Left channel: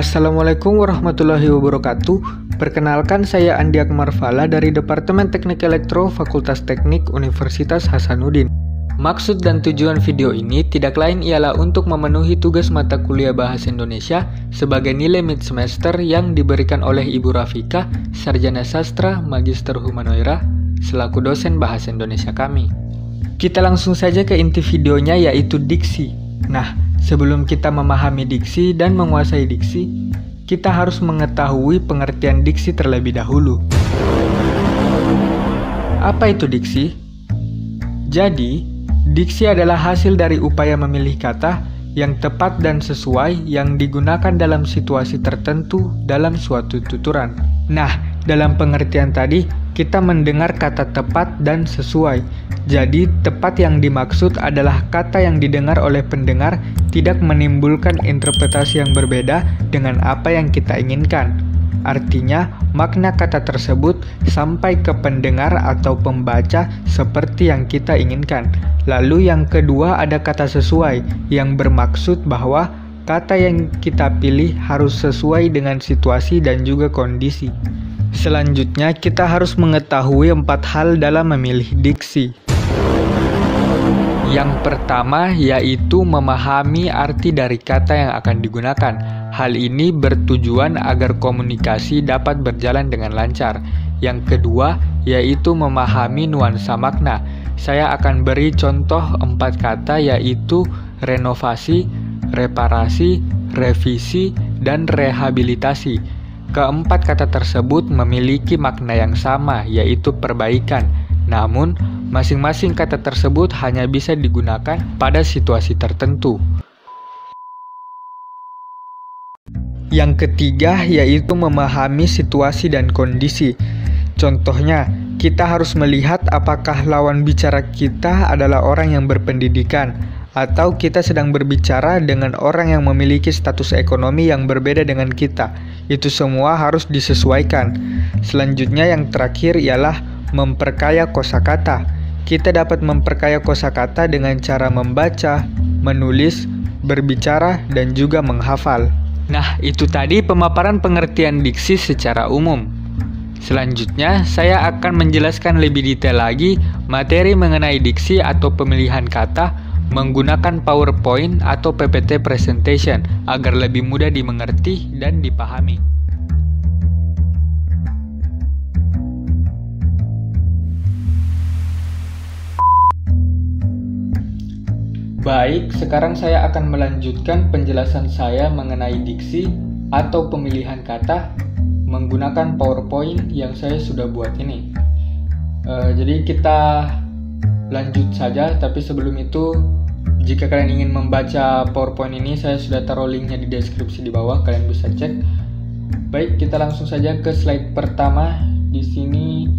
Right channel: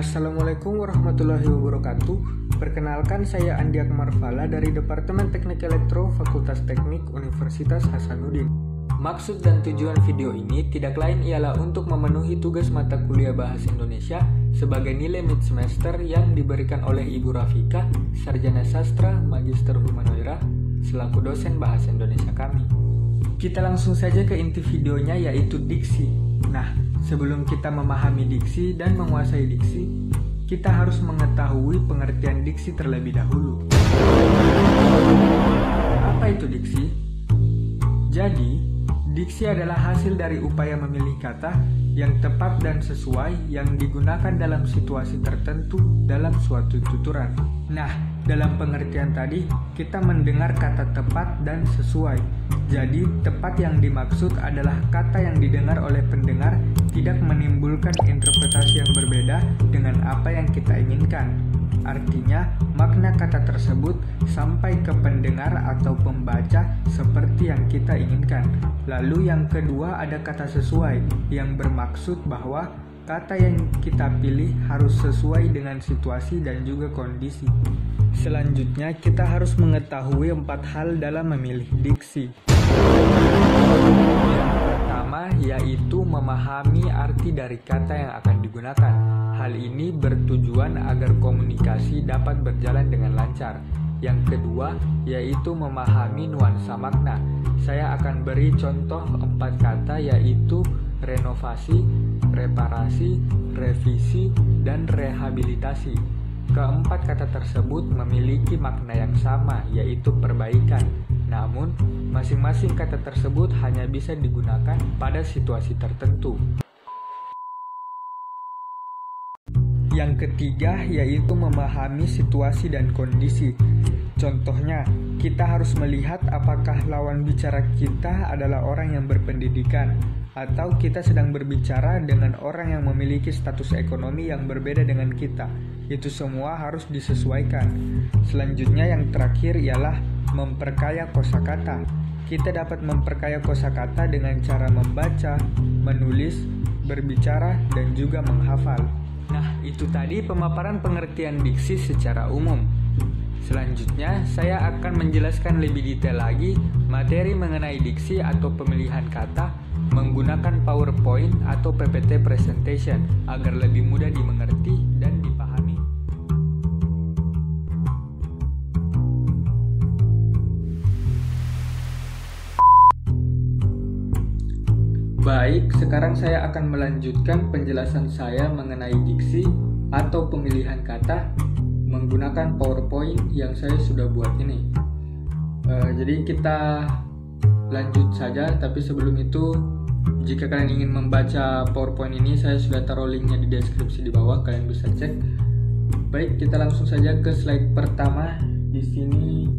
Assalamualaikum warahmatullahi wabarakatuh. Perkenalkan, saya Andi Akmal Fala dari Departemen Teknik Elektro Fakultas Teknik Universitas Hasanuddin. Maksud dan tujuan video ini tidak lain ialah untuk memenuhi tugas mata kuliah Bahasa Indonesia sebagai nilai mid semester yang diberikan oleh Ibu Rafika, Sarjana Sastra Magister Humanoira, selaku dosen Bahasa Indonesia kami. Kita langsung saja ke inti videonya, yaitu diksi. Nah, sebelum kita memahami diksi dan menguasai diksi, kita harus mengetahui pengertian diksi terlebih dahulu. Apa itu diksi? Jadi, diksi adalah hasil dari upaya memilih kata yang tepat dan sesuai yang digunakan dalam situasi tertentu dalam suatu tuturan. Nah, dalam pengertian tadi, kita mendengar kata tepat dan sesuai. Jadi, tepat yang dimaksud adalah kata yang didengar oleh pendengar tidak menimbulkan interpretasi yang berbeda dengan apa yang kita inginkan. Artinya, makna kata tersebut sampai ke pendengar atau pembaca seperti yang kita inginkan. Lalu yang kedua ada kata sesuai, yang bermaksud bahwa kata yang kita pilih harus sesuai dengan situasi dan juga kondisi. Selanjutnya, kita harus mengetahui 4 hal dalam memilih diksi. Yang pertama yaitu memahami arti dari kata yang akan digunakan. Hal ini bertujuan agar komunikasi dapat berjalan dengan lancar. Yang kedua yaitu memahami nuansa makna. Saya akan beri contoh 4 kata, yaitu renovasi, reparasi, revisi, dan rehabilitasi. Keempat kata tersebut memiliki makna yang sama, yaitu perbaikan. Namun, masing-masing kata tersebut hanya bisa digunakan pada situasi tertentu. Yang ketiga yaitu memahami situasi dan kondisi. Contohnya, kita harus melihat apakah lawan bicara kita adalah orang yang berpendidikan, atau kita sedang berbicara dengan orang yang memiliki status ekonomi yang berbeda dengan kita. Itu semua harus disesuaikan. Selanjutnya yang terakhir ialah memperkaya kosakata. Kita dapat memperkaya kosakata dengan cara membaca, menulis, berbicara, dan juga menghafal. Nah, itu tadi pemaparan pengertian diksi secara umum. Selanjutnya, saya akan menjelaskan lebih detail lagi materi mengenai diksi atau pemilihan kata menggunakan PowerPoint atau PPT presentation agar lebih mudah dimengerti dan dipahami. Baik, sekarang saya akan melanjutkan penjelasan saya mengenai diksi atau pemilihan kata menggunakan PowerPoint yang saya sudah buat ini. Jadi kita lanjut saja, tapi sebelum itu, jika kalian ingin membaca PowerPoint ini, saya sudah taruh linknya di deskripsi di bawah, kalian bisa cek. Baik, kita langsung saja ke slide pertama. Di sini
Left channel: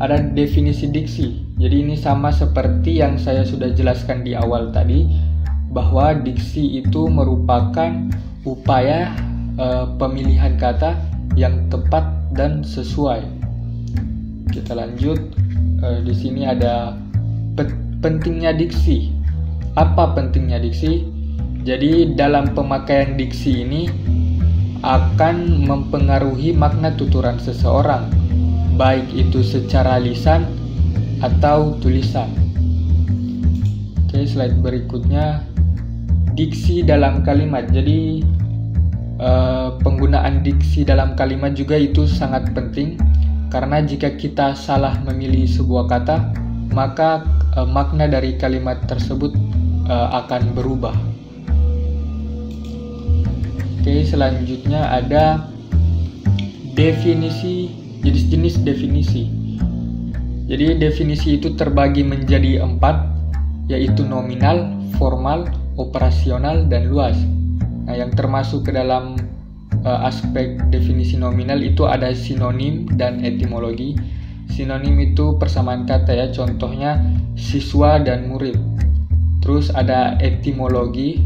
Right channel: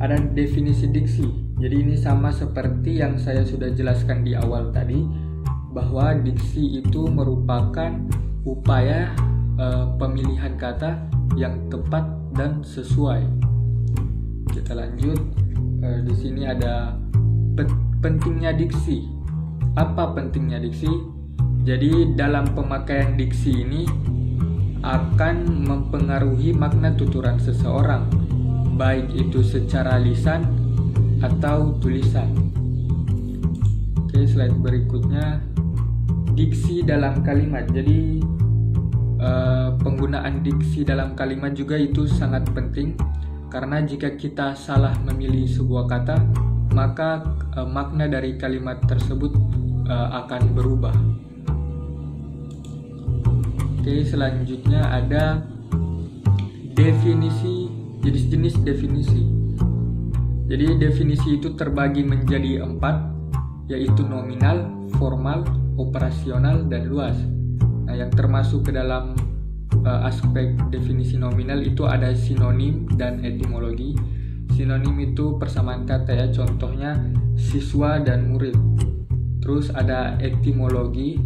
ada definisi diksi. Jadi ini sama seperti yang saya sudah jelaskan di awal tadi, bahwa diksi itu merupakan upaya pemilihan kata yang tepat dan sesuai. Kita lanjut. Di sini ada pentingnya diksi. Apa pentingnya diksi? Jadi dalam pemakaian diksi ini akan mempengaruhi makna tuturan seseorang, baik itu secara lisan atau tulisan. Oke, slide berikutnya, diksi dalam kalimat. Jadi penggunaan diksi dalam kalimat juga itu sangat penting, karena jika kita salah memilih sebuah kata, maka makna dari kalimat tersebut akan berubah. Oke, selanjutnya ada definisi, jenis-jenis definisi. Jadi definisi itu terbagi menjadi 4, yaitu nominal, formal, operasional, dan luas. Nah, yang termasuk ke dalam aspek definisi nominal itu ada sinonim dan etimologi. Sinonim itu persamaan kata ya, contohnya siswa dan murid. Terus ada etimologi,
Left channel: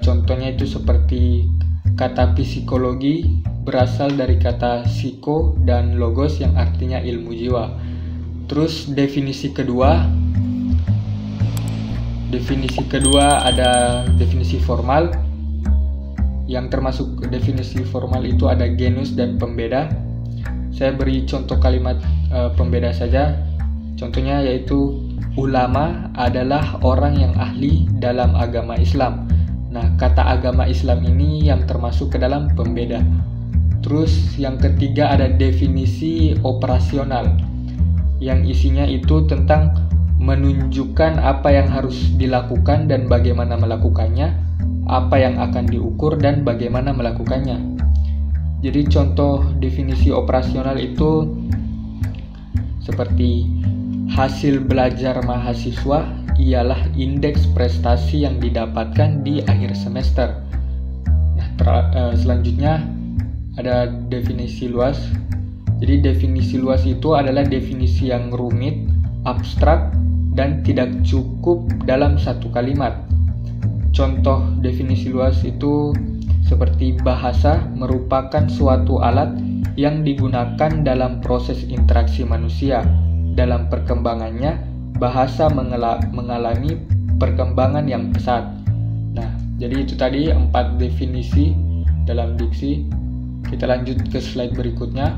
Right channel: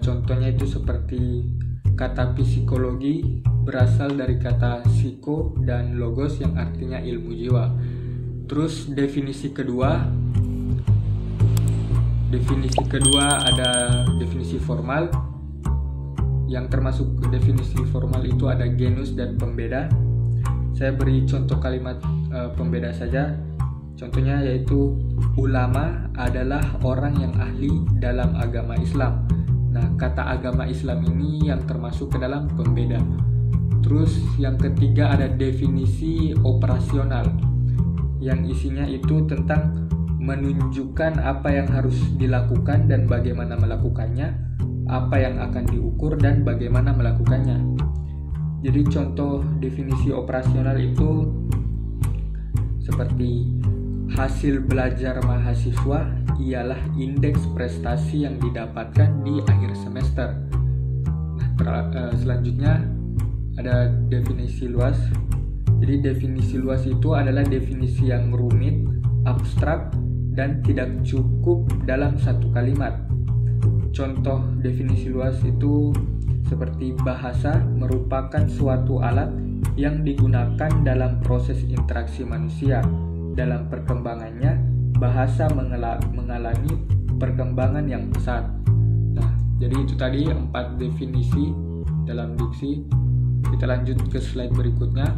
contohnya itu seperti kata psikologi berasal dari kata psiko dan logos yang artinya ilmu jiwa. Terus definisi kedua ada definisi formal, yang termasuk definisi formal itu ada genus dan pembeda. Saya beri contoh kalimat pembeda saja. Contohnya yaitu ulama adalah orang yang ahli dalam agama Islam. Nah, kata agama Islam ini yang termasuk ke dalam pembeda. Terus yang ketiga ada definisi operasional, yang isinya itu tentang menunjukkan apa yang harus dilakukan dan bagaimana melakukannya, apa yang akan diukur dan bagaimana melakukannya. Jadi contoh definisi operasional itu seperti hasil belajar mahasiswa ialah indeks prestasi yang didapatkan di akhir semester. Selanjutnya ada definisi luas. Jadi definisi luas itu adalah definisi yang rumit, abstrak, dan tidak cukup dalam satu kalimat. Contoh definisi luas itu seperti bahasa merupakan suatu alat yang digunakan dalam proses interaksi manusia. Dalam perkembangannya, bahasa mengalami perkembangan yang pesat. Nah, jadi itu tadi 4 definisi dalam diksi. Kita lanjut ke slide berikutnya.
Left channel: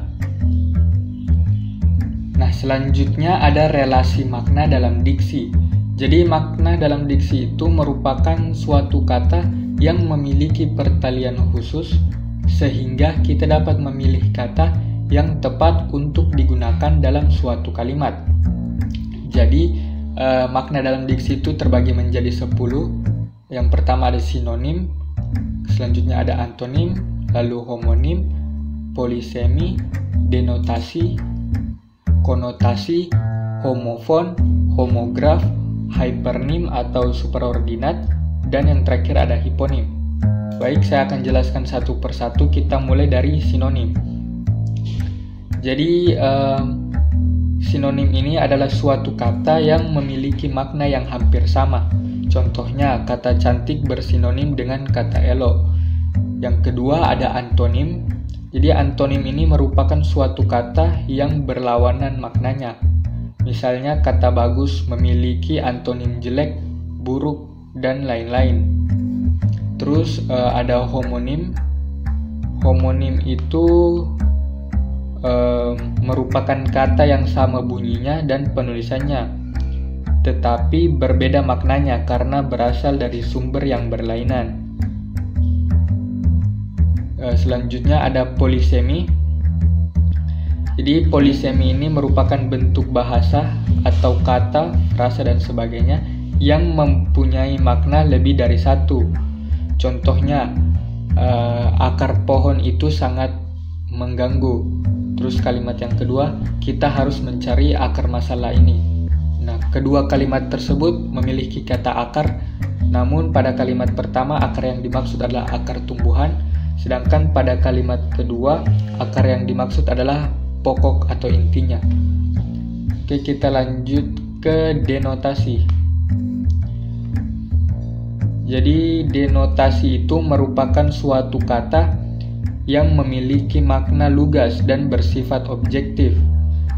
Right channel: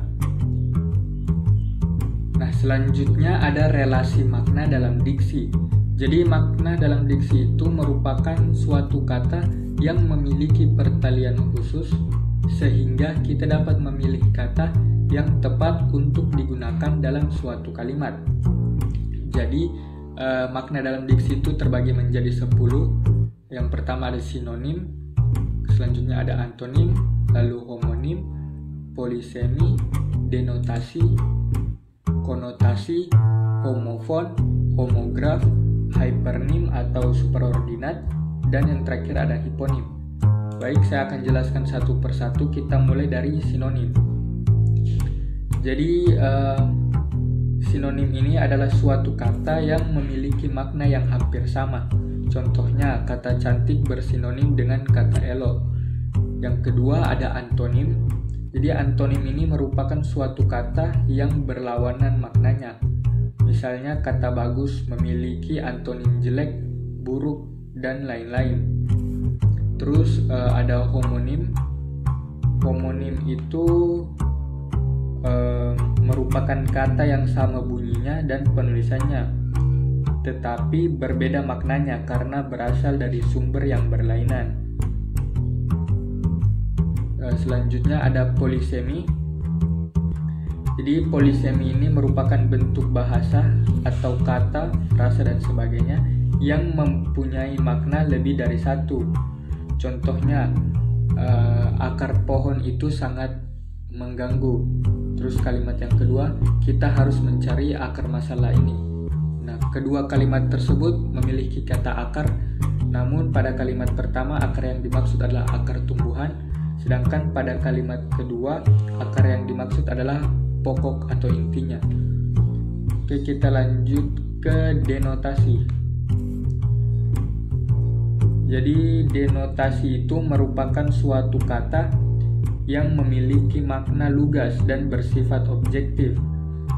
Nah, selanjutnya ada relasi makna dalam diksi. Jadi makna dalam diksi itu merupakan suatu kata yang memiliki pertalian khusus sehingga kita dapat memilih kata yang tepat untuk digunakan dalam suatu kalimat. Jadi makna dalam diksi itu terbagi menjadi 10. Yang pertama ada sinonim, selanjutnya ada antonim, lalu homonim, polisemi, denotasi, konotasi, homofon, homograf, hypernim atau superordinat, dan yang terakhir ada hiponim. Baik, saya akan jelaskan satu persatu. Kita mulai dari sinonim. Jadi sinonim ini adalah suatu kata yang memiliki makna yang hampir sama. Contohnya, kata cantik bersinonim dengan kata elok. Yang kedua ada antonim. Jadi antonim ini merupakan suatu kata yang berlawanan maknanya. Misalnya kata bagus memiliki antonim jelek, buruk, dan lain-lain. Terus ada homonim. Homonim itu merupakan kata yang sama bunyinya dan penulisannya, tetapi berbeda maknanya karena berasal dari sumber yang berlainan. Selanjutnya ada polisemi. Jadi polisemi ini merupakan bentuk bahasa atau kata, frasa, dan sebagainya yang mempunyai makna lebih dari satu. Contohnya, akar pohon itu sangat mengganggu. Terus kalimat yang kedua, kita harus mencari akar masalah ini. Nah, kedua kalimat tersebut memiliki kata akar, namun pada kalimat pertama akar yang dimaksud adalah akar tumbuhan, sedangkan pada kalimat kedua akar yang dimaksud adalah pokok atau intinya. Oke, kita lanjut ke denotasi. Jadi denotasi itu merupakan suatu kata yang memiliki makna lugas dan bersifat objektif.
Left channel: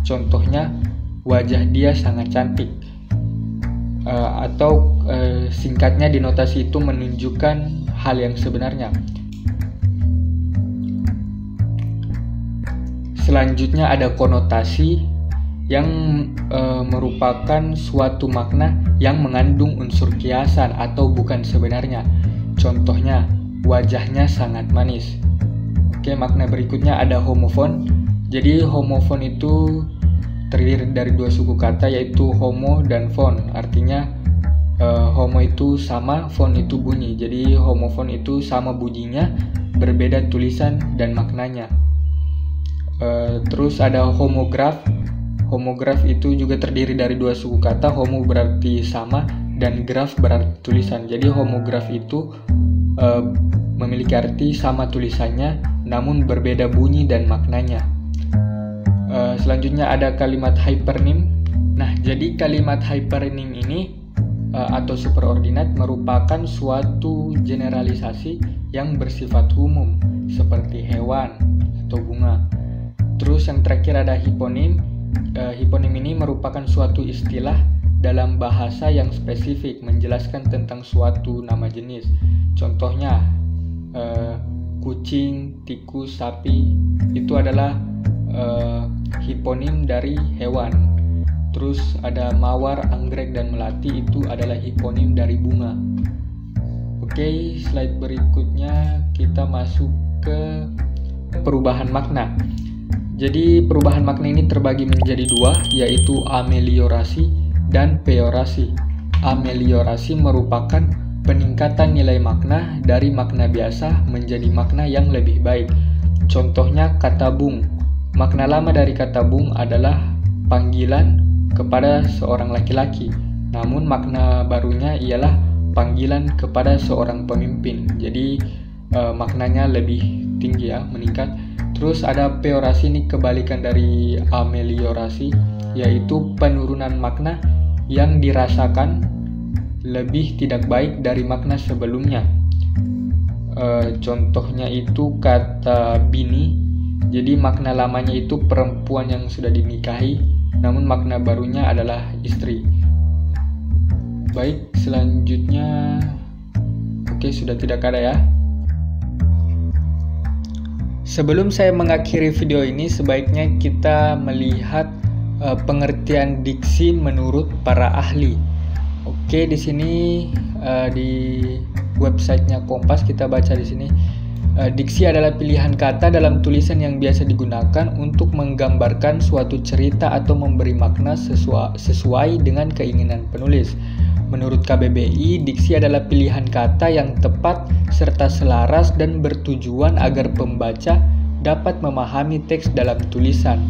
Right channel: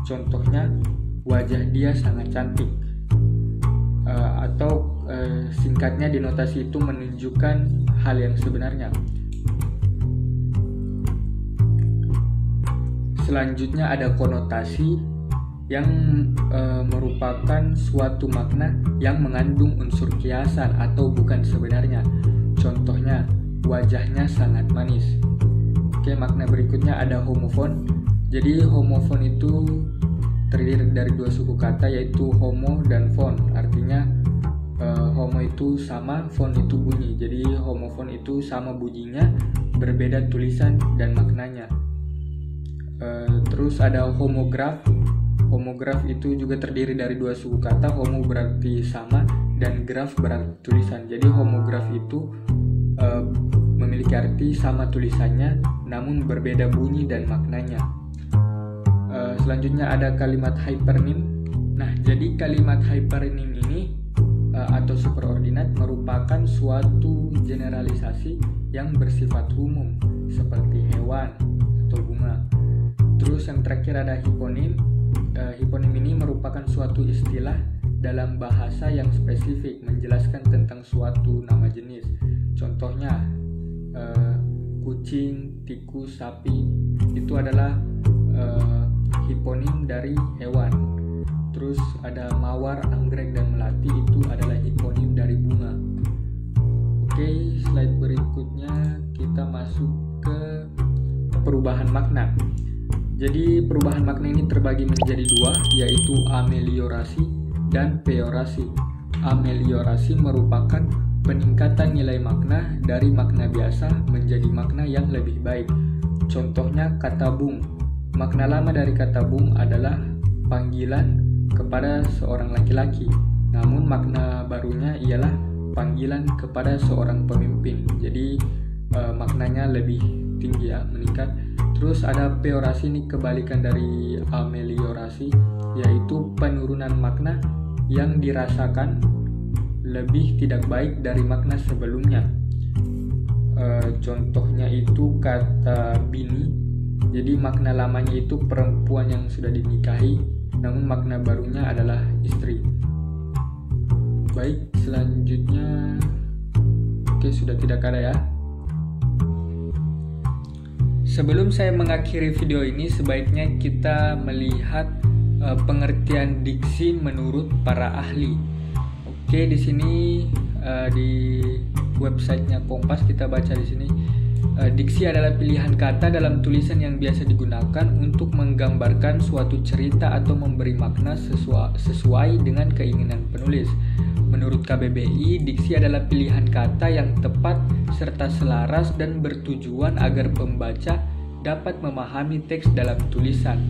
Contohnya, wajah dia sangat cantik. Atau singkatnya, denotasi itu menunjukkan hal yang sebenarnya. Selanjutnya ada konotasi yang merupakan suatu makna yang mengandung unsur kiasan atau bukan sebenarnya. Contohnya, wajahnya sangat manis. Oke, makna berikutnya ada homofon. Jadi homofon itu terdiri dari 2 suku kata, yaitu homo dan fon. Artinya homo itu sama, fon itu bunyi. Jadi homofon itu sama bunyinya, berbeda tulisan dan maknanya. Terus ada homograf. Homograf itu juga terdiri dari 2 suku kata. Homo berarti sama dan graf berarti tulisan. Jadi homograf itu memiliki arti sama tulisannya, namun berbeda bunyi dan maknanya. Selanjutnya ada kalimat hypernym. Nah, jadi kalimat hypernym ini atau superordinat merupakan suatu generalisasi yang bersifat umum, seperti hewan atau bunga. Terus yang terakhir ada hiponim. Hiponim ini merupakan suatu istilah dalam bahasa yang spesifik menjelaskan tentang suatu nama jenis. Contohnya, kucing, tikus, sapi itu adalah hiponim dari hewan. Terus ada mawar, anggrek, dan melati itu adalah hiponim dari bunga. Oke, slide berikutnya kita masuk ke perubahan makna. Jadi perubahan makna ini terbagi menjadi dua, yaitu ameliorasi dan peorasi. Ameliorasi merupakan peningkatan nilai makna dari makna biasa menjadi makna yang lebih baik. Contohnya kata bung. Makna lama dari kata bung adalah panggilan kepada seorang laki-laki, namun makna barunya ialah panggilan kepada seorang pemimpin. Jadi maknanya lebih tinggi ya, meningkat. Terus ada peorasi, ini kebalikan dari ameliorasi, yaitu penurunan makna yang dirasakan lebih tidak baik dari makna sebelumnya. Contohnya itu kata bini. Jadi makna lamanya itu perempuan yang sudah dinikahi, namun makna barunya adalah istri. Baik, selanjutnya sudah tidak ada ya. Sebelum saya mengakhiri video ini, sebaiknya kita melihat pengertian diksi menurut para ahli. Oke, di sini di websitenya Kompas kita baca di sini, diksi adalah pilihan kata dalam tulisan yang biasa digunakan untuk menggambarkan suatu cerita atau memberi makna sesuai dengan keinginan penulis. Menurut KBBI, diksi adalah pilihan kata yang tepat serta selaras dan bertujuan agar pembaca dapat memahami teks dalam tulisan.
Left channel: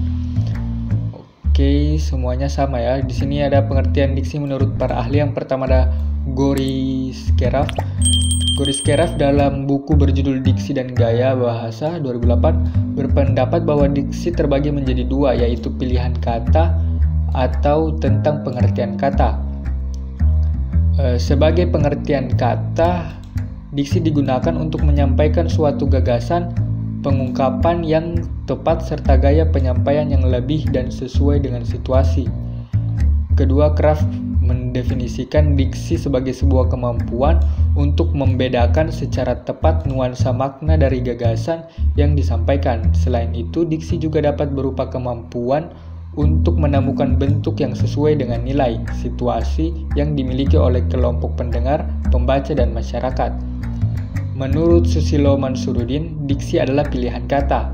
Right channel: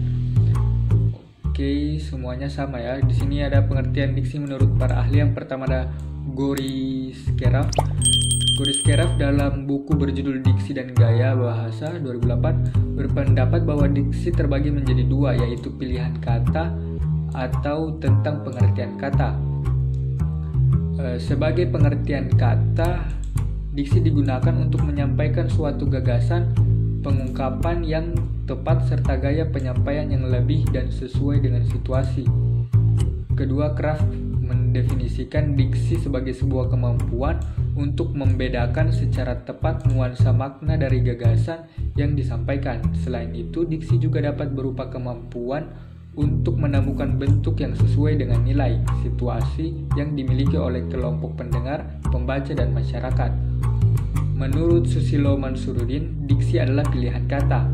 Oke, semuanya sama ya. Di sini ada pengertian diksi menurut para ahli. Yang pertama ada Goriskeraf. Goriskeraf dalam buku berjudul Diksi dan Gaya Bahasa 2008 berpendapat bahwa diksi terbagi menjadi dua, yaitu pilihan kata atau tentang pengertian kata. Sebagai pengertian kata, diksi digunakan untuk menyampaikan suatu gagasan, pengungkapan yang tepat serta gaya penyampaian yang lebih dan sesuai dengan situasi. Kedua, Kraft mendefinisikan diksi sebagai sebuah kemampuan untuk membedakan secara tepat nuansa makna dari gagasan yang disampaikan. Selain itu, diksi juga dapat berupa kemampuan untuk menemukan bentuk yang sesuai dengan nilai, situasi yang dimiliki oleh kelompok pendengar, pembaca, dan masyarakat. Menurut Susilo Mansuruddin, diksi adalah pilihan kata.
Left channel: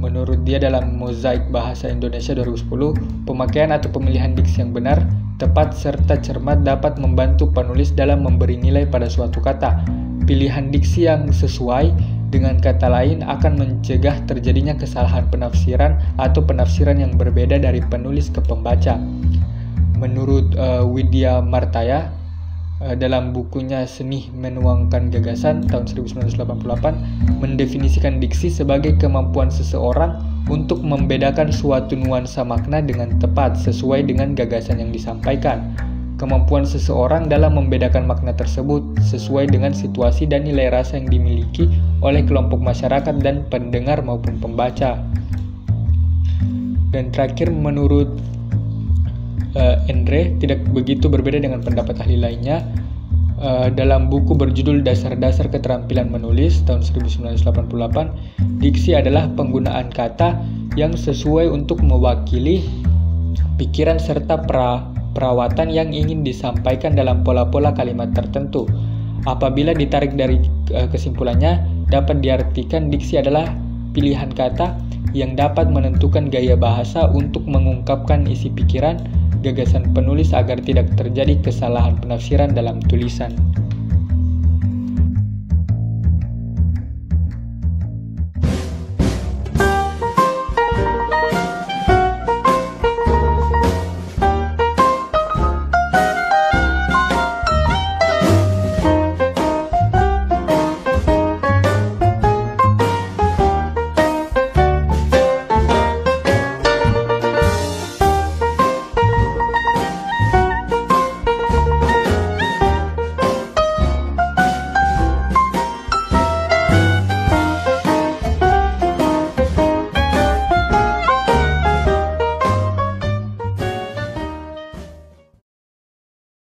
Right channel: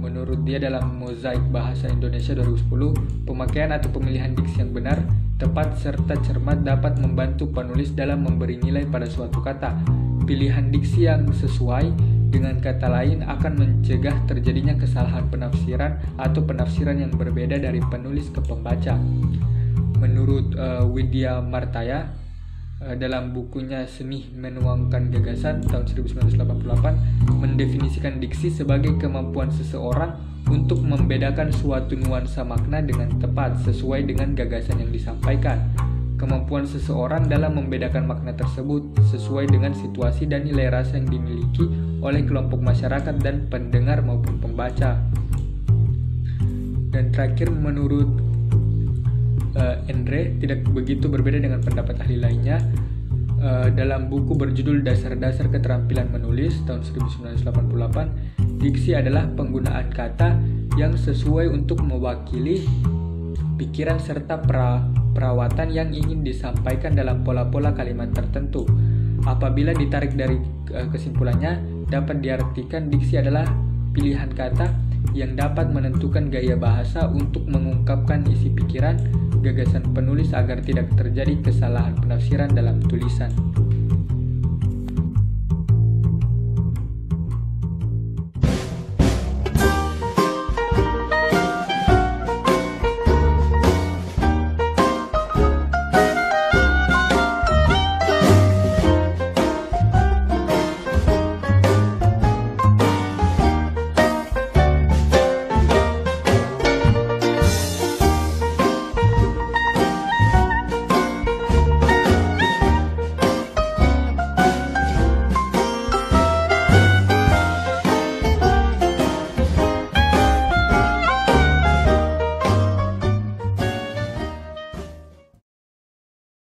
Menurut dia dalam Mozaik Bahasa Indonesia 2010, pemakaian atau pemilihan diksi yang benar, tepat, serta cermat dapat membantu penulis dalam memberi nilai pada suatu kata. Pilihan diksi yang sesuai dengan kata lain akan mencegah terjadinya kesalahan penafsiran atau penafsiran yang berbeda dari penulis ke pembaca. Menurut Widya Martaya dalam bukunya Seni Menuangkan Gagasan tahun 1988 mendefinisikan diksi sebagai kemampuan seseorang untuk membedakan suatu nuansa makna dengan tepat sesuai dengan gagasan yang disampaikan. Kemampuan seseorang dalam membedakan makna tersebut sesuai dengan situasi dan nilai rasa yang dimiliki oleh kelompok masyarakat dan pendengar maupun pembaca. Dan terakhir, menurut Endre tidak begitu berbeda dengan pendapat ahli lainnya. Dalam buku berjudul Dasar-Dasar Keterampilan Menulis tahun 1988, diksi adalah penggunaan kata yang sesuai untuk mewakili pikiran serta perawatan yang ingin disampaikan dalam pola-pola kalimat tertentu. Apabila ditarik dari kesimpulannya, dapat diartikan diksi adalah pilihan kata yang dapat menentukan gaya bahasa untuk mengungkapkan isi pikiran, gagasan penulis agar tidak terjadi kesalahan penafsiran dalam tulisan.